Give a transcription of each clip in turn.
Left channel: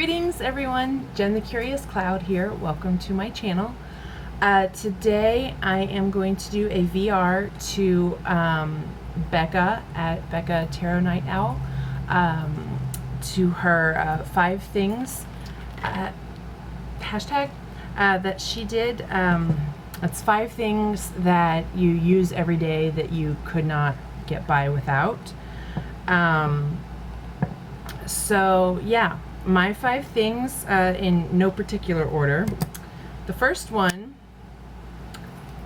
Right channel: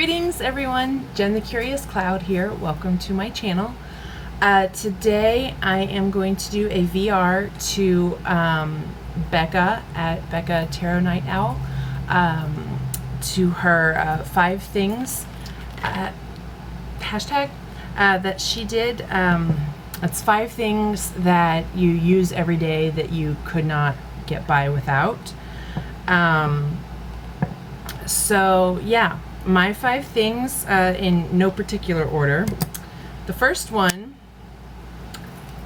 Greetings everyone, Jen the Curious Cloud here. Welcome to my channel. Today I am going to do a VR to Becca at Becca Tarot Night Owl, to her 5 things hashtag that she did. It's 5 things that you use every day that you could not get by without. So yeah, my 5 things in no particular order. The first one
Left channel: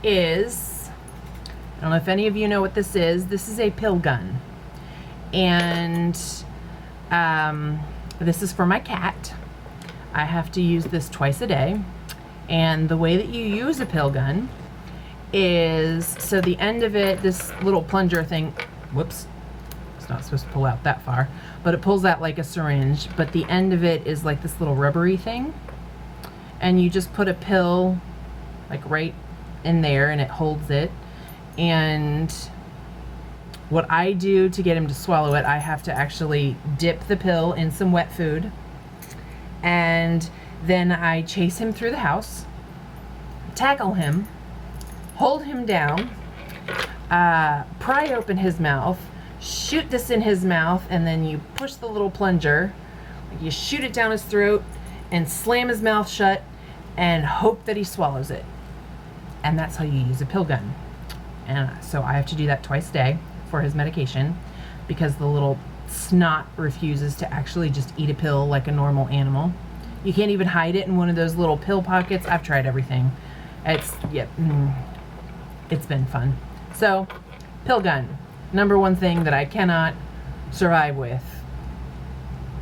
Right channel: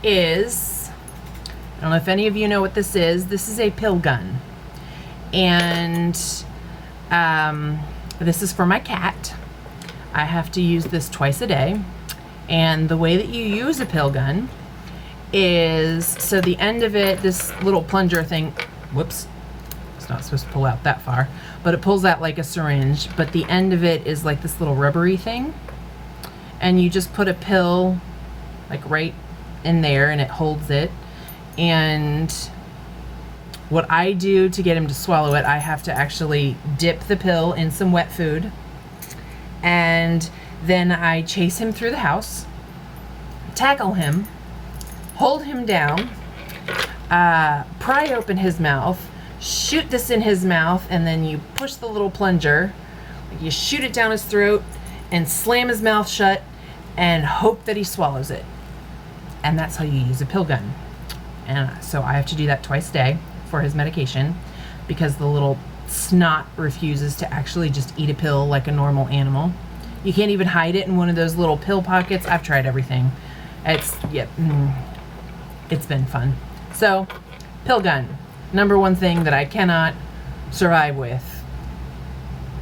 is, I don't know if any of you know what this is. This is a pill gun, and this is for my cat. I have to use this twice a day, and the way that you use a pill gun is, so the end of it, this little plunger thing, whoops, it's not supposed to pull out that far, but it pulls out like a syringe, but the end of it is like this little rubbery thing, and you just put a pill like right in there and it holds it. And what I do to get him to swallow it, I have to actually dip the pill in some wet food, and then I chase him through the house, tackle him, hold him down, pry open his mouth, shoot this in his mouth, and then you push the little plunger, you shoot it down his throat and slam his mouth shut and hope that he swallows it. And that's how you use a pill gun. And so I have to do that twice a day for his medication, because the little snot refuses to actually just eat a pill like a normal animal. You can't even hide it in one of those little pill pockets. I've tried everything. It's been fun. So, pill gun. Number one thing that I cannot survive with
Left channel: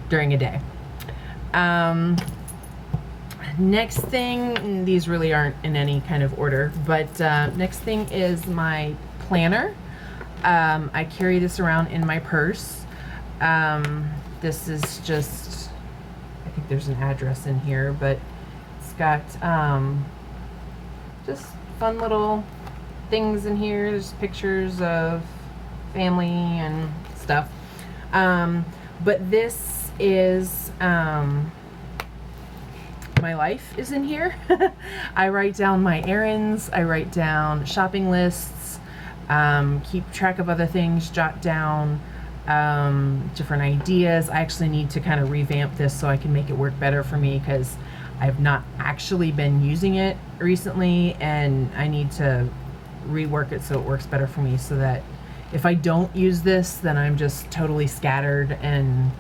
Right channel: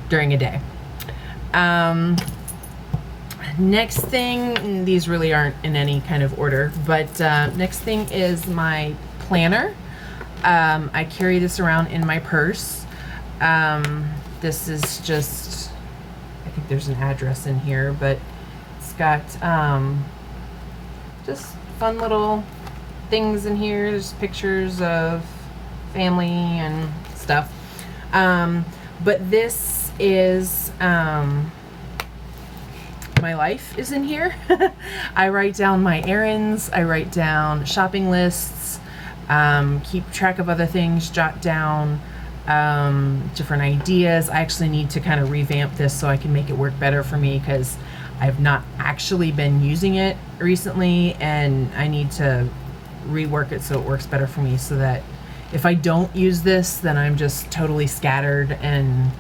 during a day. Next thing, these really aren't in any kind of order, but next thing is my planner. I carry this around in my purse. This is just, I think there's an address in here, but it's got just fun little things in here. There's pictures of family and stuff, but this is my life is in here. I write down my errands, I write down shopping lists, keep track of other things, jot down different ideas. I actually need to kind of revamp this so I can make it work better for me, because I've not actually been using it recently, and I need to rework it so it works better for me, so that if I don't use this, then I'm just totally scattered, and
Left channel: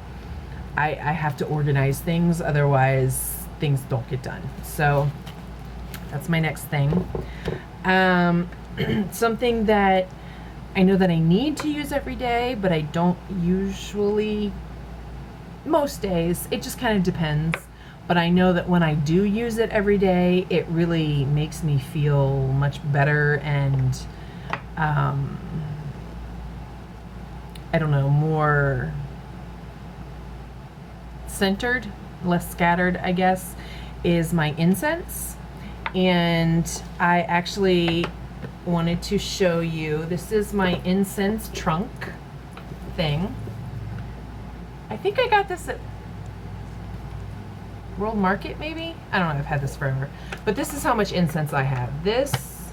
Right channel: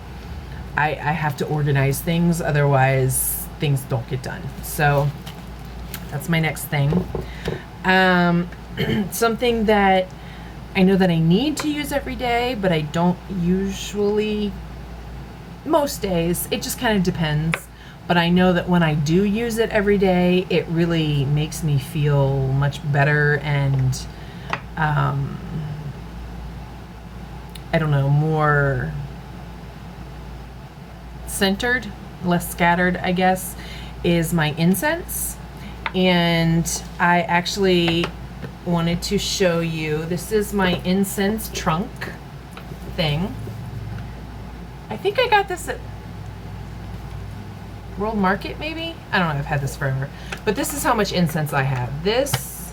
I have to organize things, otherwise things don't get done. So that's my next thing. Something that I know that I need to use every day, but I don't usually, most days. It just kind of depends. But I know that when I do use it every day, it really makes me feel much better, and I don't know, more centered, less scattered, I guess, is my incense. And I actually wanted to show you, this is my incense trunk thing. I think I got this at World Market, maybe? I don't know, I've had this forever. But this is how much incense I have. This,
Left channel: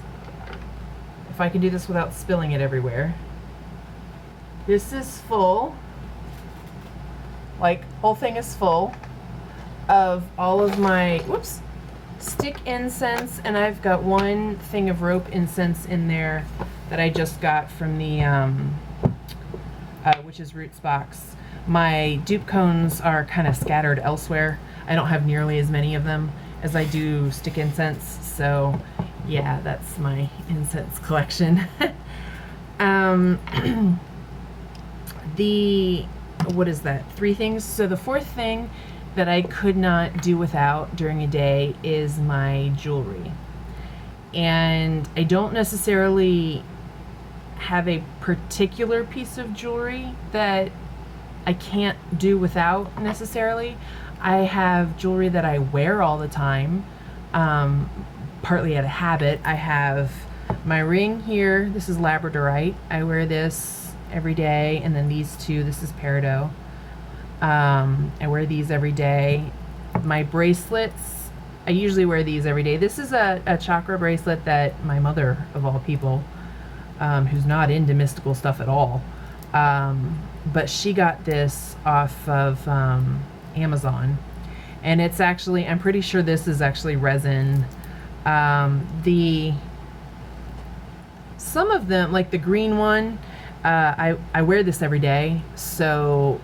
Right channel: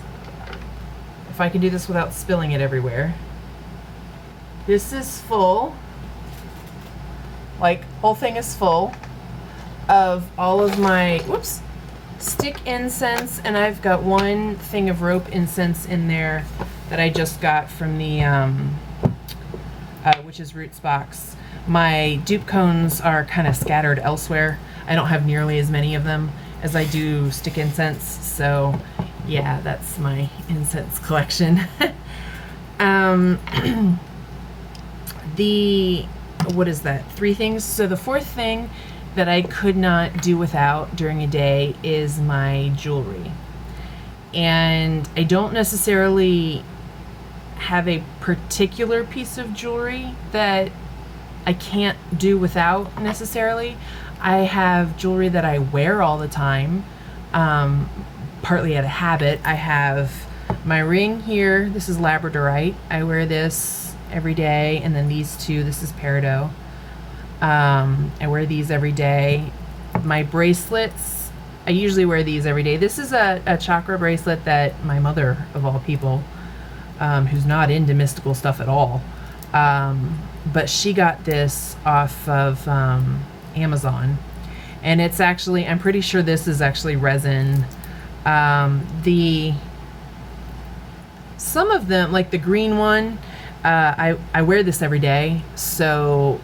if I can do this without spilling it everywhere, this is full, like, whole thing is full of all of my, whoops, stick incense, and I've got one thing of rope incense in there that I just got from the Witch's Roots box. My dupe cones are kind of scattered elsewhere. I don't have nearly as many of them as I do stick incense, so yeah, that's my incense collection. What is that? 3 things. So the 4th thing that I could not do without during a day is my jewelry. And I don't necessarily have a particular piece of jewelry that I can't do without necessarily. I have jewelry that I wear all the time, partly out of habit. I have my ring here. This is labradorite. I wear this every day, and then these 2, this is peridot. I wear these every day. My bracelets, I usually wear these every day. This is a chakra bracelet that my mother, of all people, who's not into mystical stuff at all, but she got this off of Amazon. And it's actually, I'm pretty sure this is actually resin. Some of them, like the green one, I wear this every day, so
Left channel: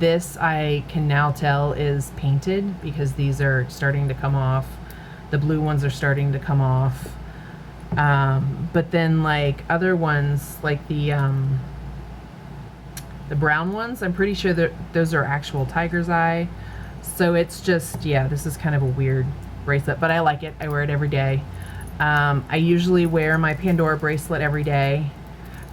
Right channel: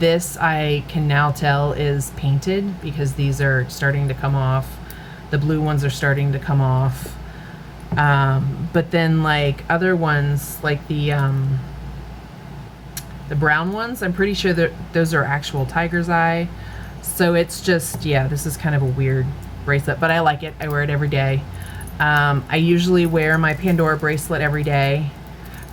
this I can now tell is painted because these are starting to come off. The blue ones are starting to come off. But then like other ones, like the brown ones, I'm pretty sure that those are actual tiger's eye. So it's just, yeah, this is kind of a weird bracelet, but I like it. I wear it every day. I usually wear my Pandora bracelet every day.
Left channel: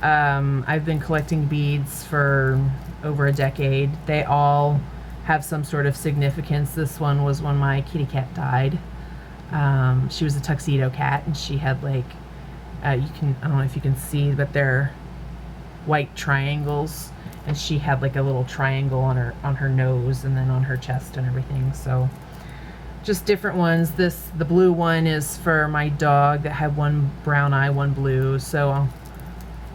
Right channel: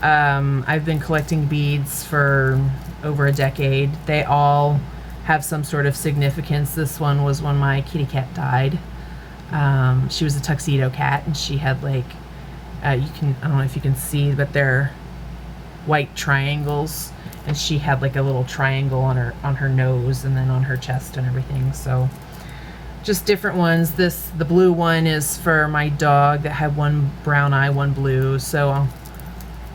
I've been collecting beads for over a decade. They all have some sort of significance. This one was when my kitty cat died. She was a tuxedo cat, and she had like, I don't know if you can see, but they're white triangles, and she had like a little triangle on her nose and then on her chest and everything. So just different ones. The blue one is for my dog that had one brown eye, one blue. So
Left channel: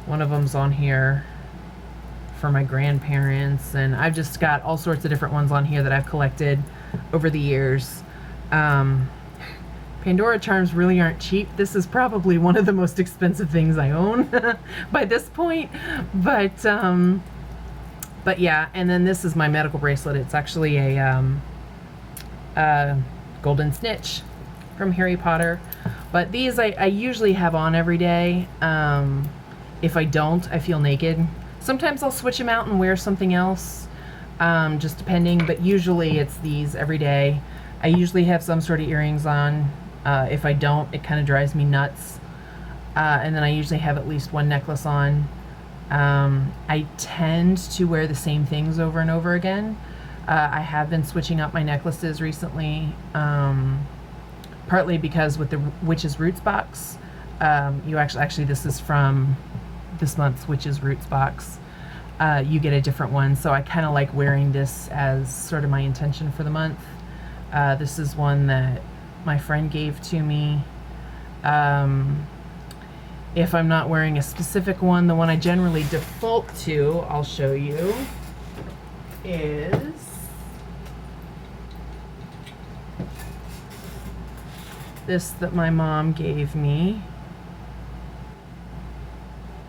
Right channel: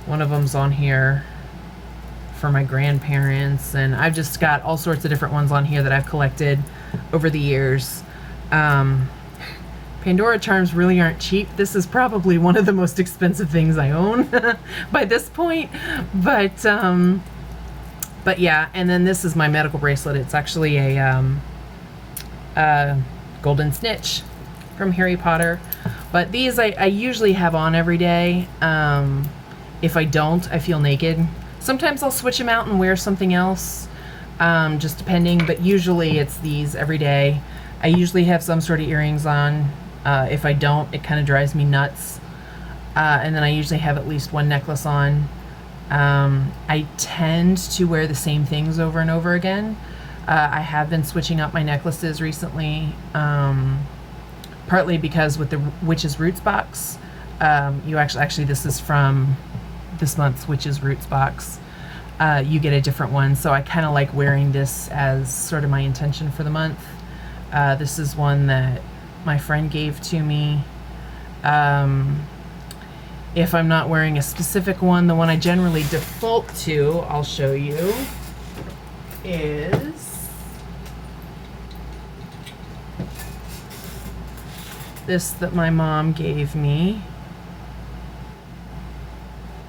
one of them's on here for my grandparents, and I've just got all sorts of different ones on here that I've collected over the years. Pandora charms really aren't cheap. This is probably one of the most expensive things I own by this point. But yeah, and then this is my medical bracelet. It's actually a golden snitch from Harry Potter. But these I usually have on every day. If I don't, I feel naked. Sometimes I'll switch them out and wear something else, just depending, but usually it's these every day. I usually have some sort of earrings on. If I don't, it kind of drives me nuts. And then I usually have at least one necklace on. I tend to wear the same things over and over again. I have been switching up my necklaces recently, partly because with the Witch's Roots box, you actually this is from this month's Witch's Roots box. You get a different one, so I kind of like wearing this as sort of my intention for the month. This is one that my friend gave to me. If I'm not wearing a specific one, the one I generally default to, I'll show you, is this that my mom gave me.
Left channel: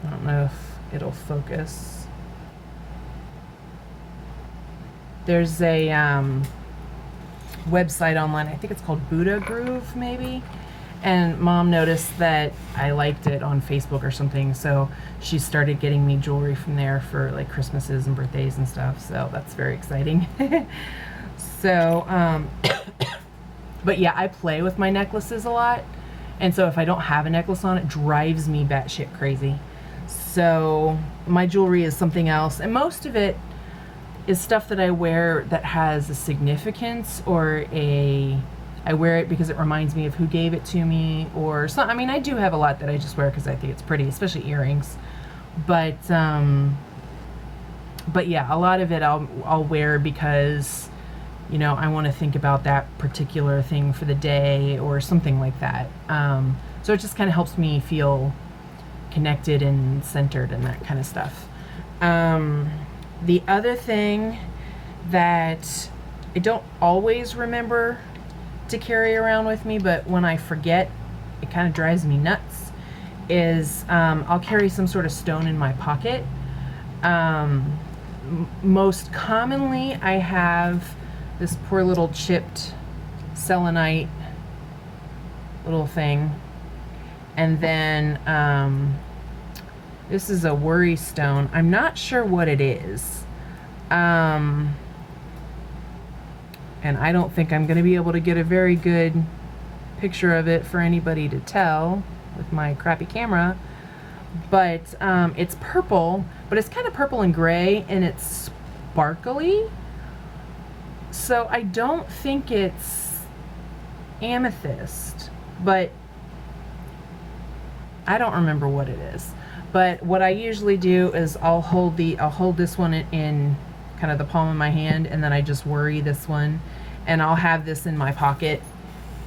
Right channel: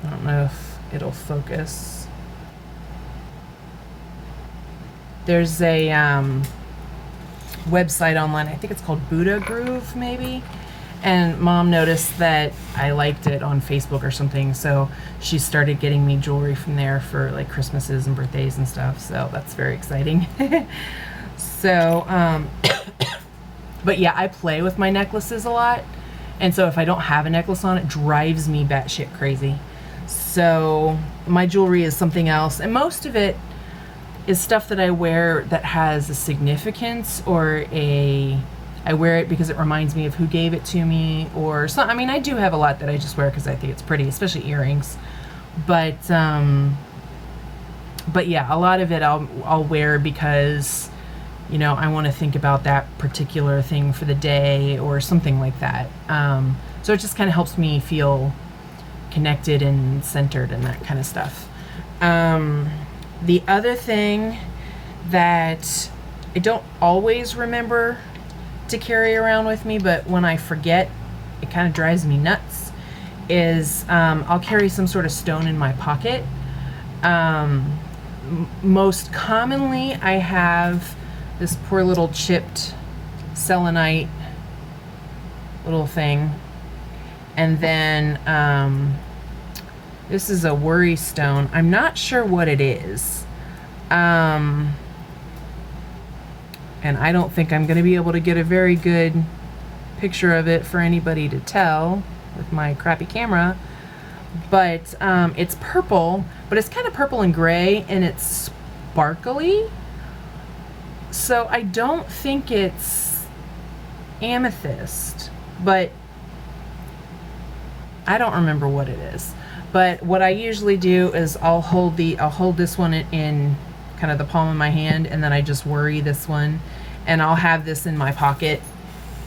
I don't know if it'll focus. There's a website online, I think it's called Buddha Groove maybe, and Mom noticed that I liked it on Facebook or something, so she started getting me jewelry from there for like Christmases and birthdays and stuff, so that's very exciting. So but yeah, I play with my necklaces a lot, and so if I don't have a necklace on, it drives me batshit crazy. So my jewelry is something else, and most of it is stuff that I wear that has a significance, or I wear it because it reminds me of who gave it to me, or some. I mean, I do have a lot that I just wear because I think it's pretty, especially earrings. But yeah, a lot of it I'll wear because, you know, I want to think about that particular thing for the day or something like that. So it just kind of helps me feel connected and centered and that kind of stuff. The other thing that I don't always remember to carry around with me, but when I forget, it kind of drives me nuts, is I'll carry some sort of stone in my pocket. Most commonly, I have this poor little chipped selenite little thing. And then this is a worry stone. I'm not sure what it is. And I don't think I'm going to be able to get a very good picture of it for anybody to tell with my crappy camera. But it's purple, but it's kind of purple and gray, and it's sparkly. So I don't think it's amethyst, but I don't remember what it is. But what I usually do is I'll hold this one in kind of the palm of my hand, and then I just worry this one, and I'll have this in my pocket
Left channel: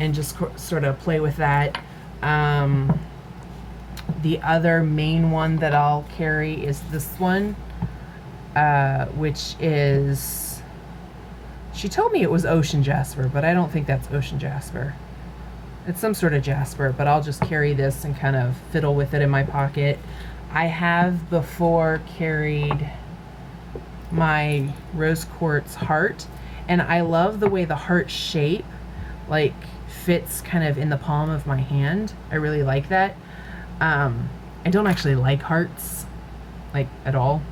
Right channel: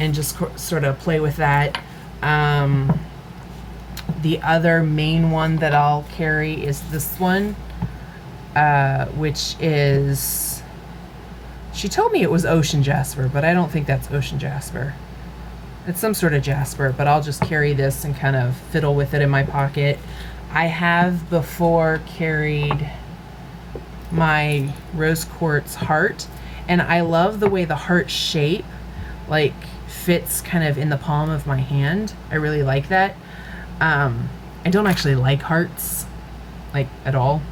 and just sort of play with that. The other main one that I'll carry is this one, which is, she told me it was ocean jasper, but I don't think that's ocean jasper. It's some sort of jasper, but I'll just carry this and kind of fiddle with it in my pocket. I have before carried my rose quartz heart, and I love the way the heart shape like fits kind of in the palm of my hand. I really like that. I don't actually like hearts like at all,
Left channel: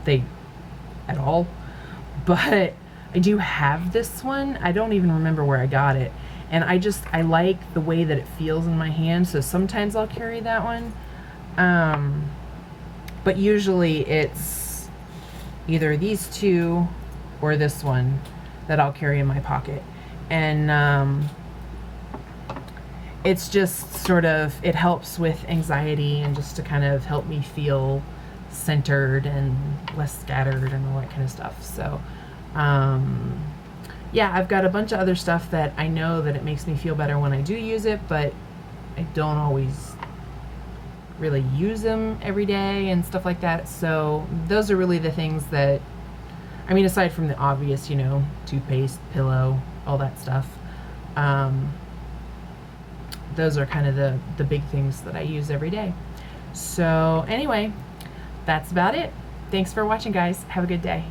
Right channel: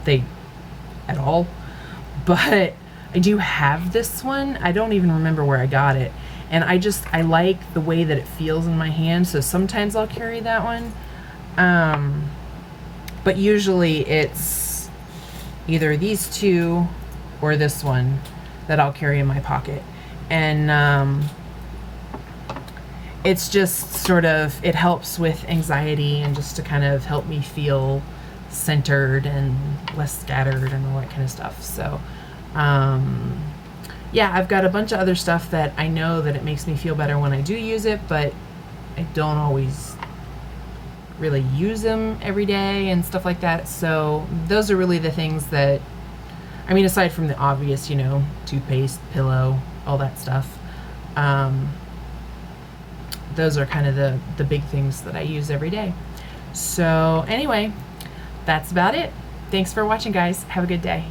but I do have this one. I don't even remember where I got it, and I like the way that it feels in my hand, so sometimes I'll carry that one. But usually it's either these two or this one that I'll carry in my pocket. And it's just sort of, it helps with anxiety and just to kind of help me feel centered and less scattered and all that kind of stuff. So yeah, I've got a bunch of other stuff that I know that it makes me feel better when I do use it, but I don't always really use them every day and stuff like that. So those are really the things that, I mean, aside from the obvious, you know, toothpaste, pillow, all that stuff, those are kind of the big things that I use every day. So anyway, that's about it. Thanks for watching, guys. Have a good day.